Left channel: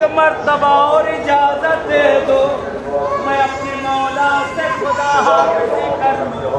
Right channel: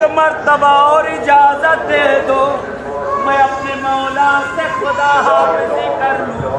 मर्तबा और इजाजत दे दो, मैं अपने मौला से खुदा हाफिज़ी कर लूं।